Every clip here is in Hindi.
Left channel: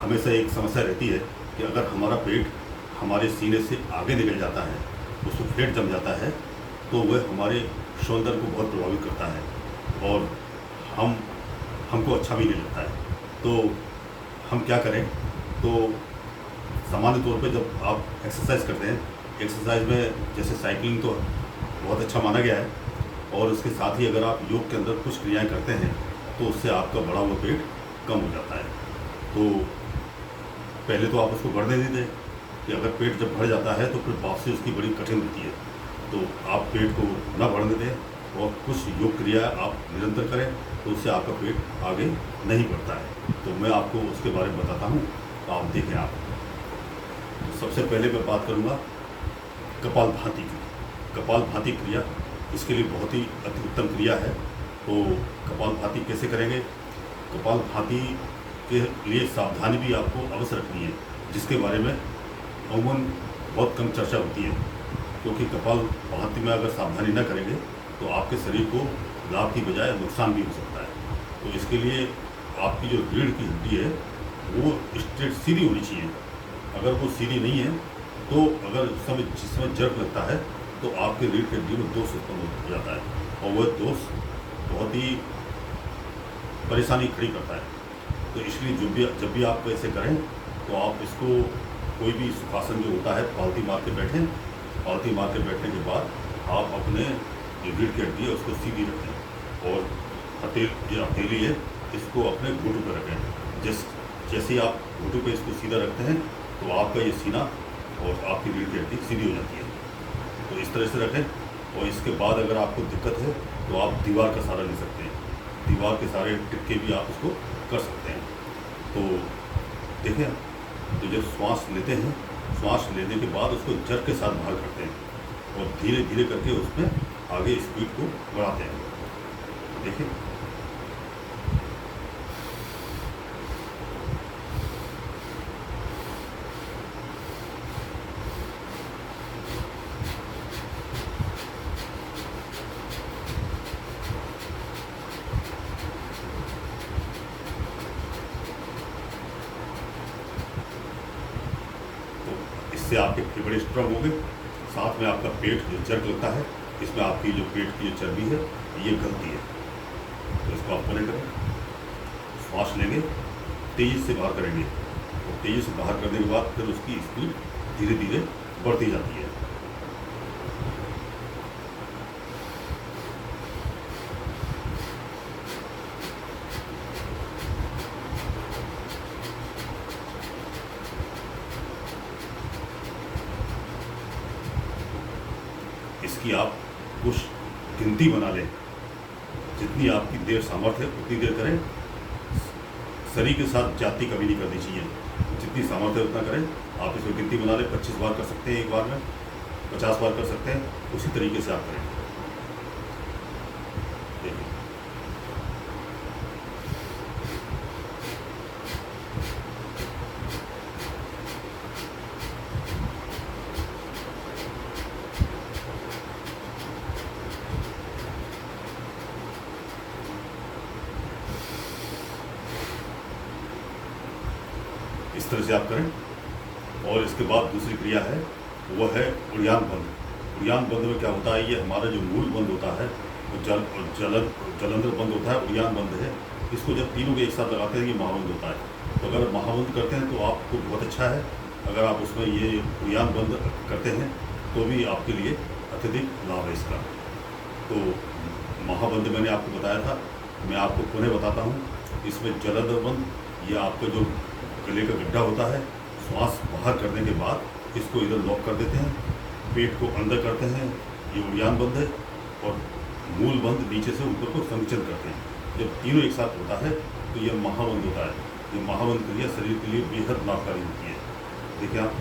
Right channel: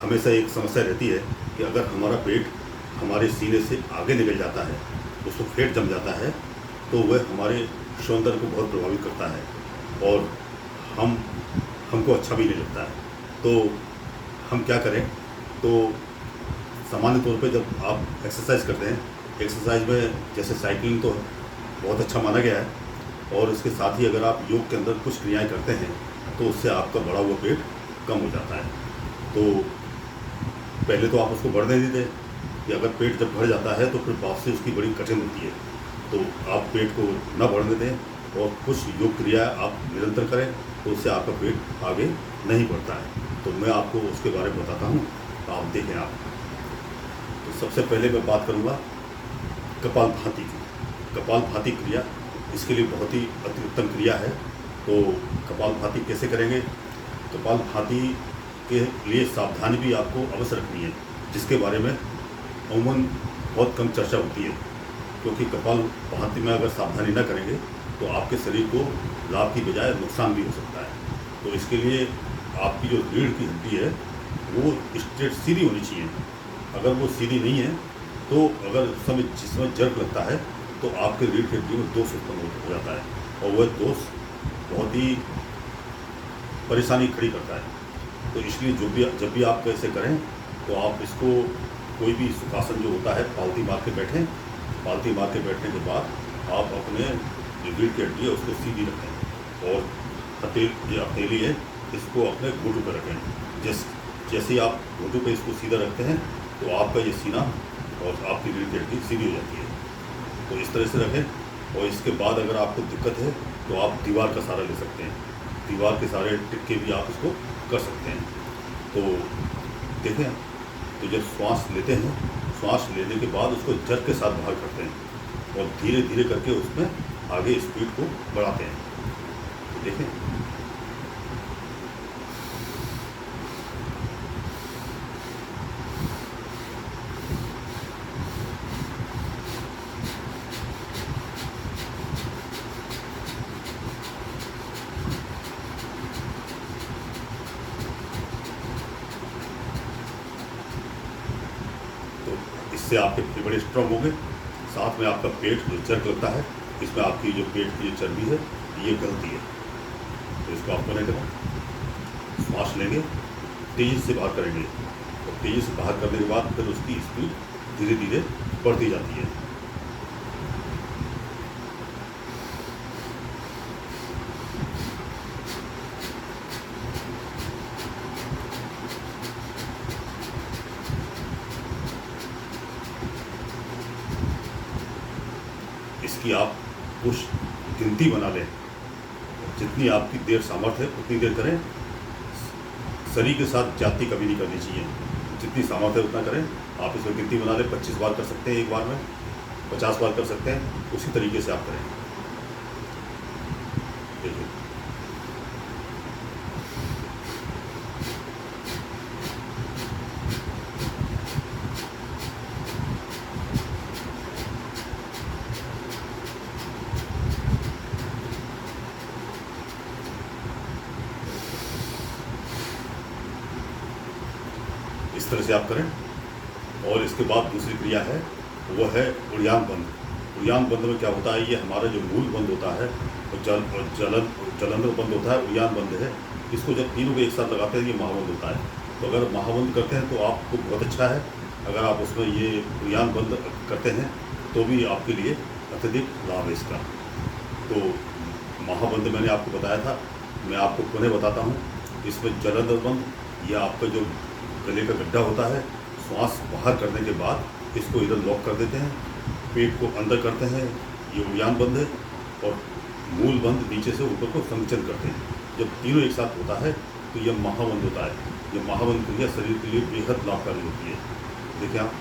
हमेशा एक समस्या रहती है कि अगर हमारा पेट हमारे सीने से आगे निकल जाता है, उसको फैट जम जाता है, तो वह हमारे सौंदर्य को बहुत प्रभावित करता है और हम हमको अच्छा भी नहीं लगता है। तो हम क्या करें? तो सामान्य तौर पे जब आप एक्सरसाइज करते हैं, एक्सरसाइज में जैसे साइकिलिंग तो बहुत अच्छा माना गया है और इसके साथ ही अगर आप योग के अंदर कुछ क्रियाएँ करते हैं, तो उससे आपका बढ़ा हुआ पेट कम हो जाता है। तो पहले तो आप उसको बढ़ने नहीं दें कि अगर पेट जब भर जाता है तो फिर वापसी उसकी बड़ी कठिन होती है। तो आप पेट को ना बढ़ने दें और कुछ योग क्रिया आप निरंतर करें, तो उससे आपका पेट आगे नहीं बढ़ता है। तो मैं आपको उसके बारे में बताता हूँ, आप देखें आप। तो सबसे पहले मैं बात करूँगा कपालभाति की। कपालभाति क्रिया इसके लिए बहुत ही अति उत्तम क्रिया है। तो कपालभाति कैसे करेंगे? कपालभाति के लिए सावधानी भी आपको अवश्य रखनी है, जिसके बारे में अमूमन बहुत कम चर्चा होती है, क्योंकि कपालभाति में अगर सावधानी न करेंगे तो आपके शरीर को लाभ की बजाय नुकसान भी हो सकता है। तो इसके लिए आपकी जो रीढ़ की हड्डी है वो स्ट्रेट सीधी होनी चाहिए। अगर वो सीधी नहीं है तो अगर जिसमें जर्क लगता है तो आपके रीढ़ की हड्डी में दोष उत्पन्न हो जाता है और वह दोष बहुत ही परेशानी खड़ी करता है। तो इसलिए जब भी आप ऐसे करें तो आप इसको कोई भी सुखासन जो होता है पालती मार के बैठें। पालती मार के बैठने के बाद आप अपने जो रीढ़ की हड्डी है उसको सीधी रखें और हथेली है इसको अपने घुटू पर रखें। जैसे ही आप घुटू पे इसको सीधा रखते हैं तो आपका ये सीना और आपकी रीढ़ की हड्डी सीधी हो जाती है। तो इस तरह से रखें और इसके बाद अगर आपको दिक्कत है तो आप दीवार का सहारा ले सकते हैं। दीवार के सहारे टिक के भी आप इसको कर सकते हैं। तो देखें, तो जब श्वास लेते हैं, श्वास लेने के बाद उसको जर्क के साथ बाहर करते हैं और धीरे धीरे करके उसमें आगे स्पीड को बढ़ाते हैं। तो देखें, इससे आपके फेफड़े बड़े स्ट्रॉन्ग हो गए। साथ में आपका पेट जो जर्क लगता है, इसमें आपकी जो पेट की जो चर्बी है ये गलती है। तो इसको आप नहीं करें, श्वास लेंगे, तेज़ी से बाहर करेंगे और तेज़ी से बाहर करने के बाद फिर उसकी स्पीड धीरे धीरे बढ़ती जाती है। इसकी आप कुछ गिनती बना लें, जितनी आपकी देर सामर्थ्य है उतनी देर करें। शरीर के साथ जाति कभी नहीं करनी चाहिए। जितनी सामर्थ्य है उतना करें। आप इसमें गिनती बना लें, 25 बार कर सकते हैं एक बार में, 50 बार कर सकते हैं। उसी तरीके से आप करें। देखिए, इस तरह से आप करें। और इसके बाद दूसरी क्रिया है, वो है उड़ियान बंद। उड़ियान बंद में क्या होता है, ये हमारा जो मूल बंद होता है वो जलंधर बंद होता है, उड़ियान बंद है। इसको जब तीनों को एक साथ लगाते हैं ये महाबंद होता है। तो अगर महाबंद करते हैं तो आपको बहुत अच्छा है। अगर आप उसमें ये उड़ियान बंद करते हैं तो भी आपके लिए अत्यधिक लाभ है इसका। तो महाबंद मैंने आपको बताया था, मैं आपको पुनः बताता हूँ। इसमें जलंधर बंद, ये आपका जो गले का गड्ढा होता है, श्वास बाहर करने के बाद इसको इधर लॉक कर देते हैं, पेट को अंदर करते हैं, ये उड़ियान बंद है। और मूल बंद नीचे से ऊपर को संकुचन करते हैं। जब तीनों एक साथ होता है तो ये महाबंद होता है। ये महाबंद क्रिया शरीर के लिए बेहद लाभकारी होती है। देखिए आप,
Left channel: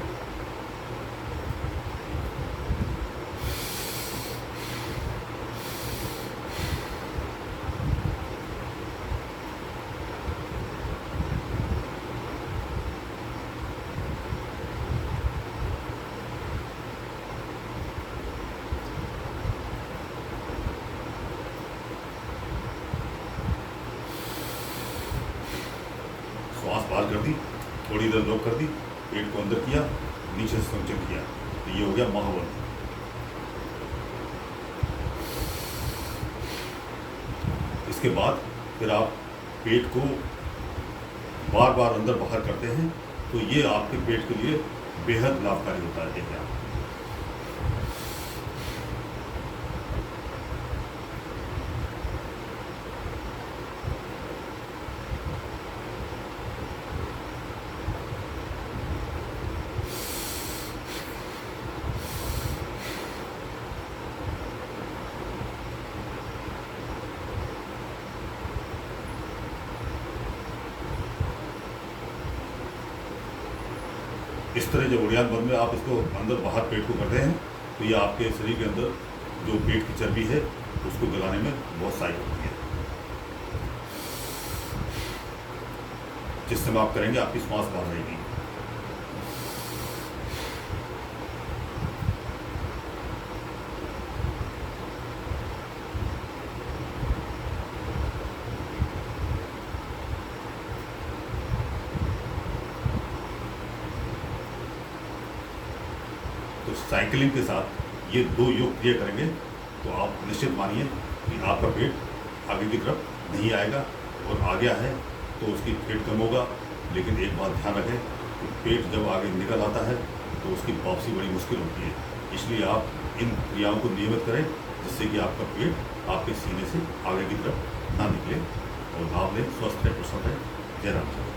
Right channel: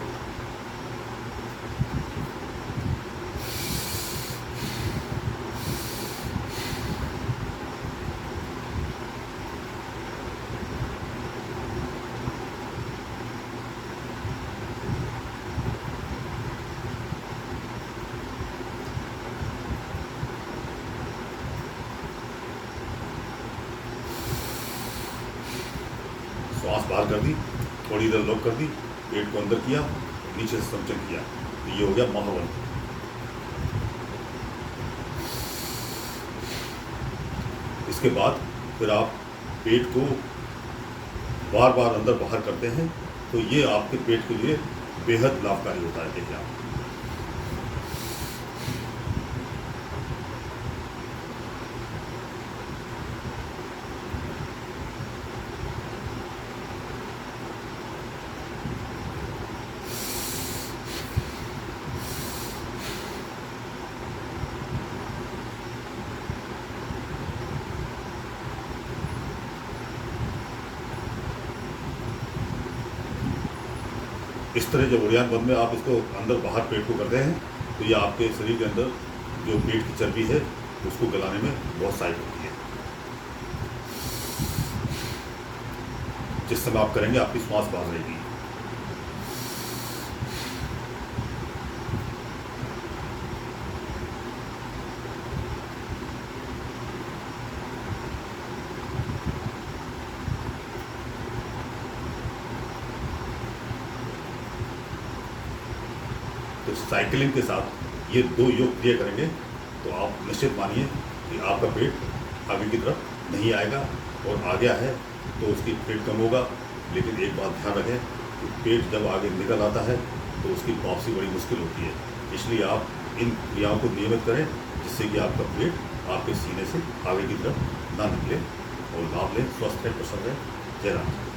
श्वास बाहर कर दी बॉडी इधर लॉक कर दी, पेट को अंदर किया, नीचे से संचन किया, तो ये हो गया महावन। इसके बाद फिर आप पेट को बार बार अंदर बाहर करते हैं, तो ये आपके पेट के लिए बेहद लाभकारी होता है। देखिए आप इस तरह जब उड़ियान बंद में आप इसको अंदर बाहर पेट को करते हैं, तो ये आपके शरीर के अंदर जो पेट की चर्बी है उसको गलाने में बहुत सहायक होती है। जिस समय आप करेंगे आपकी श्वास बाहर रहेगी। तो साइकिलिंग के साथ ये 2 योग क्रिया करेंगे तो आप निश्चित मानिए कि आपका पेट आगे की तरफ नहीं आएगा, और आ गया है तो उसकी पेट कम होगा। लेकिन एक बात ध्यान रखें कि पेट जब आगे निकल आता है तो उसकी वापसी बड़ी मुश्किल होती है। इसलिए आप इन क्रियाओं को नियमित करें, जिससे कि आपका पेट आपके सीने से आगे की तरफ ना निकले, और लाभ लें, स्वस्थ रहें, प्रसन्न रहें। जय राम।